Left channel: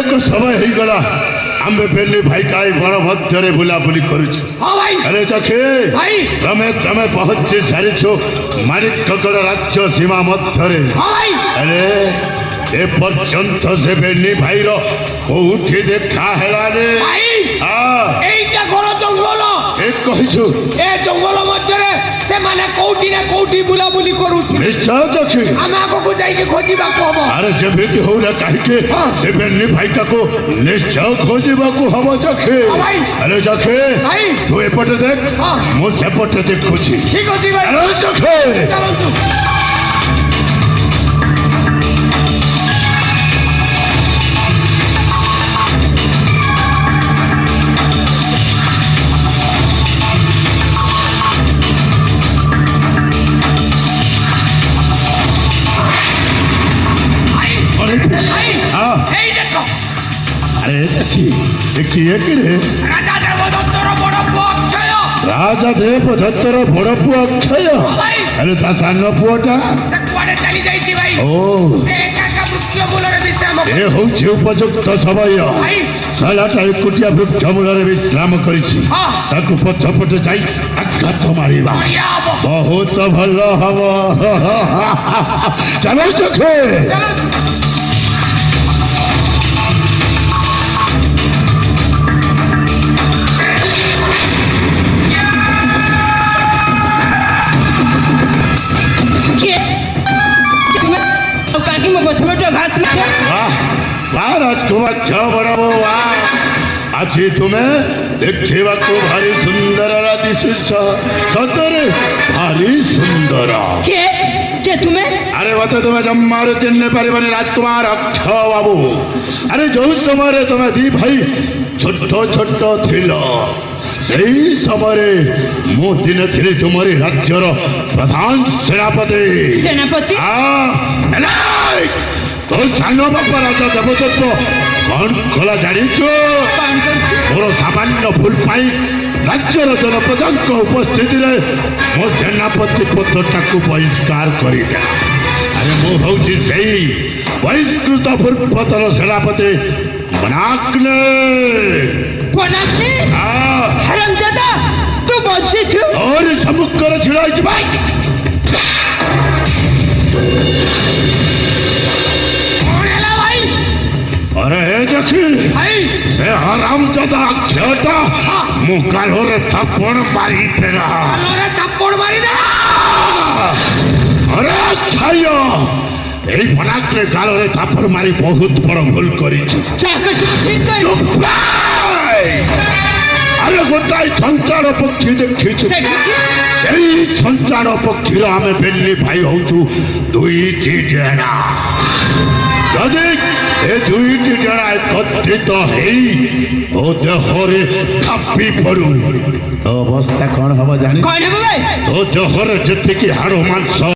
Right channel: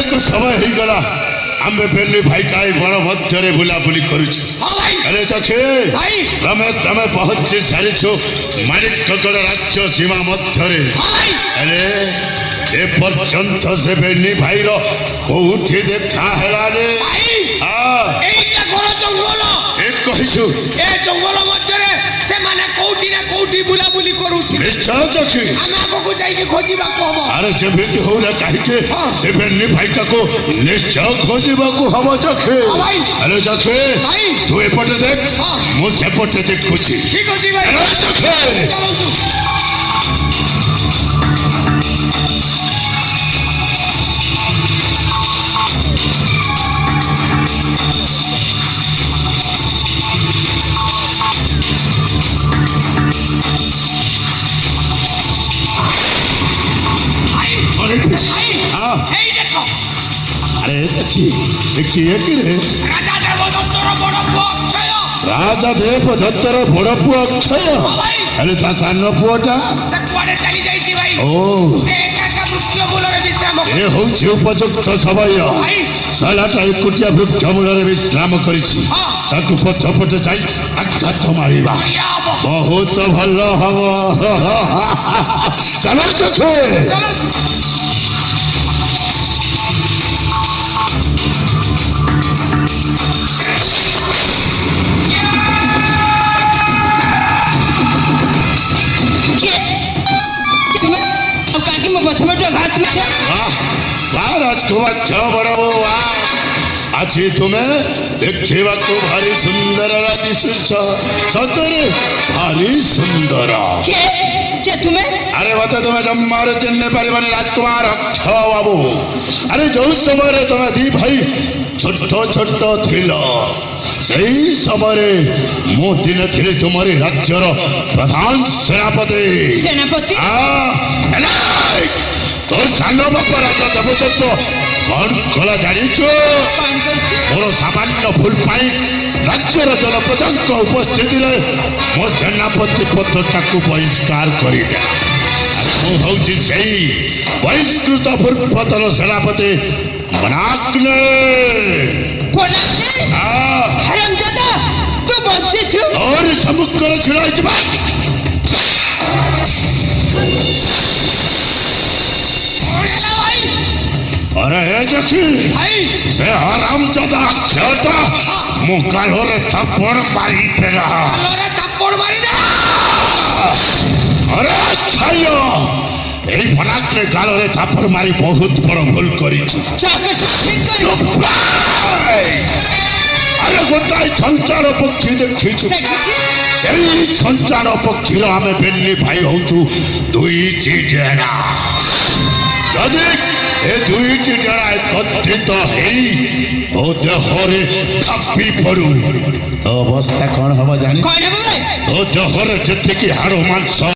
ଅନେକ ସମୟ ହେଇଗଲା ଆମେ ବେଲି ଭାଇ କାଇ ବଣ ମଧ୍ୟରେ ବୁଲାବୁଲି କରୁଛୁ। ଆରେ ଦେଖେ ତମେ ତମେ ପହଞ୍ଚି ସାରିଛୁ ମାଣିକଗଡ଼ ରାଜ୍ୟ ସୀମା ମଧ୍ୟରେ। ଆରେ ଏପର୍ଯ୍ୟନ୍ତ ସେ ବେଲି ଭାଇର କୋଉଠି ଦେଖା ହେଲାନି। এইটা ঘর জঙ্গল ଠିକ କହିଛୁ। ଏ ଜଙ୍ଗଲ ମଧ୍ୟରେ ସେମାନେ କୋଉଠି ନା କୋଉଠି ବୁଲାବୁଲି କରୁଛି। ନିଶ୍ଚୟ ଦେଖି ଆମ ଆଗକୁ ଯାଇକି ଖୋଜିବାକୁ ହବ। ଆରେ ଯେମିତି ହଉନା କାହିଁକି ସେ ବେଲି ଭାଇଟାକୁ ନିଶ୍ଚୟ ଖୋଜିବାକୁ ହବ ଦେଖେ। ଆରେ ଦେଖେ ତୁ ଏପଟେ ଦେଖ ମୁଁ ସେପଟେ ଦେଖୁଛି। ଠିକ ଅଛି ଭାଇ। ଆରେ ଦେଖେ ଚାଲନ୍ତୁ। এই দেখো আরে দেখি কিଏ কিরে রাজা দেবদত্তর বড় পুଅ অକ୍ଷୟ। ରାଜା ଦେବଦତ୍ତର ବଡ ପୁଅ ଅକ୍ଷୟ। ଆରେ ତା ସାନ ପୁଅଟା ସେ କୁଆଡେ ଚାଲି ଯାଇଛି ଭାଇ। ଓ ସେ ଏକା ଏକା ବୃକ୍ଷ ମୂଳରେ ବିଶ୍ରାମ ଏ ହଉଛି ଉପଯୁକ୍ତ ସମୟ। ସାଲାଟା ଏକୁଟିଆ ବୃକ୍ଷ ମୂଳରେ ବିଶ୍ରାମ କରିଛି। ତାକୁ ପଛ ପଟେ ଯାଇ ଆଘାତ ମାରିବା ବହୁତ ଭଲ ହବ। ଚାଲ ଚଖେ ରାଜକୁମାର ଝିଅ ବଡ ବୋଉ ଆଜି ତୁମେ ଦେଖିବାକୁ ଭାରି ସୁନ୍ଦର ଦିଶୁଛ। ସତରେ ଭାରି ସୁନ୍ଦର। ଆରେ ମତେ ତୁମେ ଜମାରୁ ଚିହ୍ନି ପାରିବନି ରାଜକୁମାର ଅକ୍ଷୟ ବାବୁ। ଆରେ ଯୋଉ ସମୟରେ ତୁମେ ଦି ଭାଇ ଛୋଟ ଛୋଟ ଥିଲ ସେଇ ସମୟରେ ମୁଁ ଦିନେ ଥିଲି ତୁମରି ରାଜ୍ୟର ପ୍ରଧାନ ସେନାପତି। ତୋ ସାନ ବାପା ରାଜା ଦେବଦତ୍ତ କଣ କଲା ଜାଣିଛୁ? ମୋର ସାମାନ୍ୟ ଭୁଲ ପାଇଁ ରାଜ୍ୟର ଜନପ୍ରଜାଙ୍କ ଉପସ୍ଥିତିରେ ମୋ ସେନାପତି ପଦଟାକୁ ବହିଷ୍କାର କରିଦେଲା। ଆରେ ମୁଁ ହଉଛି ସେଇ ବହିଷ୍କୃତ ପୂର୍ବତନ ସେନାପତି ମନାକ୍ଲେ। ସମ୍ମୁଖରେ ଛିଡ଼ା ହେଇଛି ବା। अरे देखी से हरामजादा अक्षयटा मु गालोरे थप्पड़ मारी तेरा। अरे अक्षय এই ফরাকরে গালরে থাপ্পড় মারি বহুত বড় ভুল করেছি। আরে গোটাই সঞ্চার পক্ষী দেখিଛୁ। সেই সঞ্চার পক্ষীর আমি বেলি ভাই হଉଛୁ দুইটি জেনা। যদি ଏ ଦୁଇଟି ଜଣ ଏକତ୍ରିତ ହେଇ ତୋ ଦେହରେ ଥାପି ପଡୁ ତୋ ଅବସ୍ଥା କଣ ହବ ଜାଣି? ତୋ ଦେହରେ ଯେତିକି ହାଡ଼ ମାଂସ